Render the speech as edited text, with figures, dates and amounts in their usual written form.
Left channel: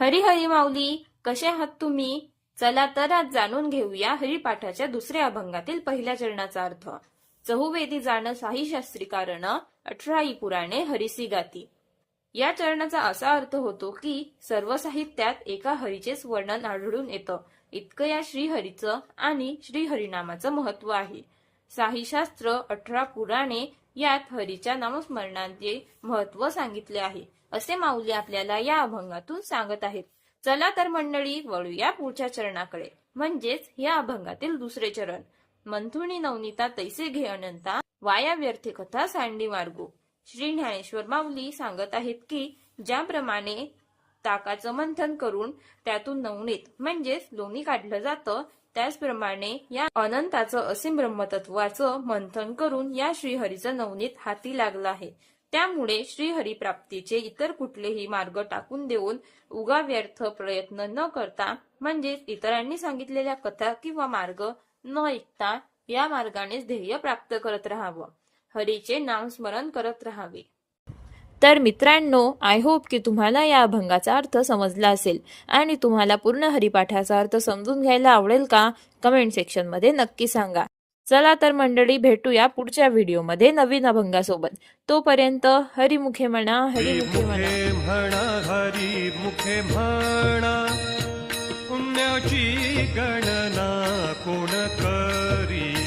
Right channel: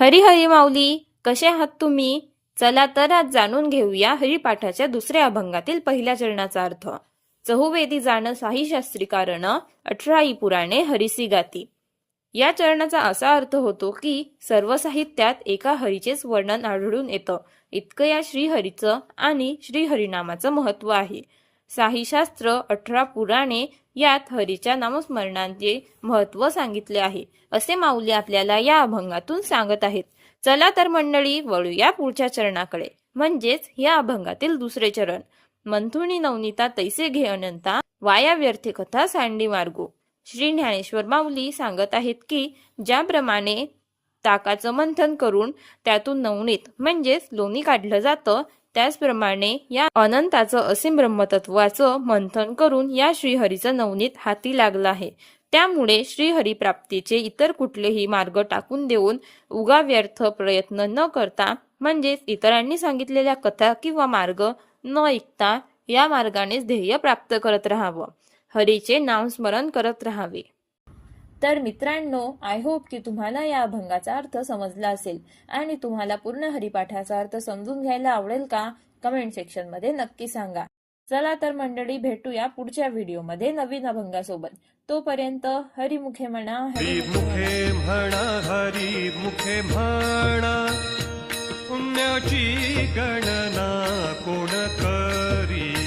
हरी हरी माऊली, कसे आहात तुम्ही? चला तर आज जाणून घेऊया हरिपाठाच्या दुसऱ्या अभंगातील पहिल्या चरणाचा अर्थ. चहुवेदी जाण साही शास्त्री कारण, 18 पुराणे हरिसी गाती. या चरणाचा असा अर्थ होतो की सर्व साहित्यात एका हरीचेच वर्णन आढळून येतं. इतकं या श्रीहरीचं आणि श्रीहरिनामाचं महत्व आहे. साही शास्त्र, 18 पुराणे यात हरीच्या नामस्मरणाचे महत्व सांगितले आहे, असे माऊली आपल्याला या अभंगातून सांगत आहेत. चला तर मंडळी, वळूया पुढच्या चरणाकडे, म्हणजेच या अभंगातील दुसरे चरण. मंथुनी नवनीता तैसे घे अनंता, वाया व्यर्थे कथा सांडी मार्गो. श्री ज्ञानेश्वर माऊली सांगत आहेत की ज्याप्रमाणे ताकाचं मंथन करून त्यातून नवनीत म्हणजेच लोणी काढलं जातं, त्याचप्रमाणे या अनंताचं असीम ब्रह्मतत्वाचं मंथन करून या श्रीहरीचं नवनीत हाती लागलं आहे. त्यामुळे श्रीहरी प्राप्तीचे इतर कुठलेही मार्ग टाकून देऊन उगा व्यर्थ प्रयत्न न करता, म्हणजेच इतरांनी सांगितलेल्या कथा किंवा मार्ग न ऐकता या मार्गानेच ध्येय प्राप्त करत राहावं, हरीचे नामस्मरण करत राहावे. तर मित्रांनो, आय होप की तुम्हाला या अभंगाचा अर्थ समजला असेल आणि तुम्हाला पूर्ण हरिपाठाचा अर्थ समजून घ्यायला आवडेल का? कमेंट सेक्शन मध्ये नक्की सांगा. चला तर मंडळी, भेटूया पुढच्या व्हिडिओमध्ये नवीन अभंगासोबत. तोपर्यंत हरिमुखे म्हणा, हरिमुखे म्हणा, हरिमुखे म्हणा, पुण्याची गणना कोण करी.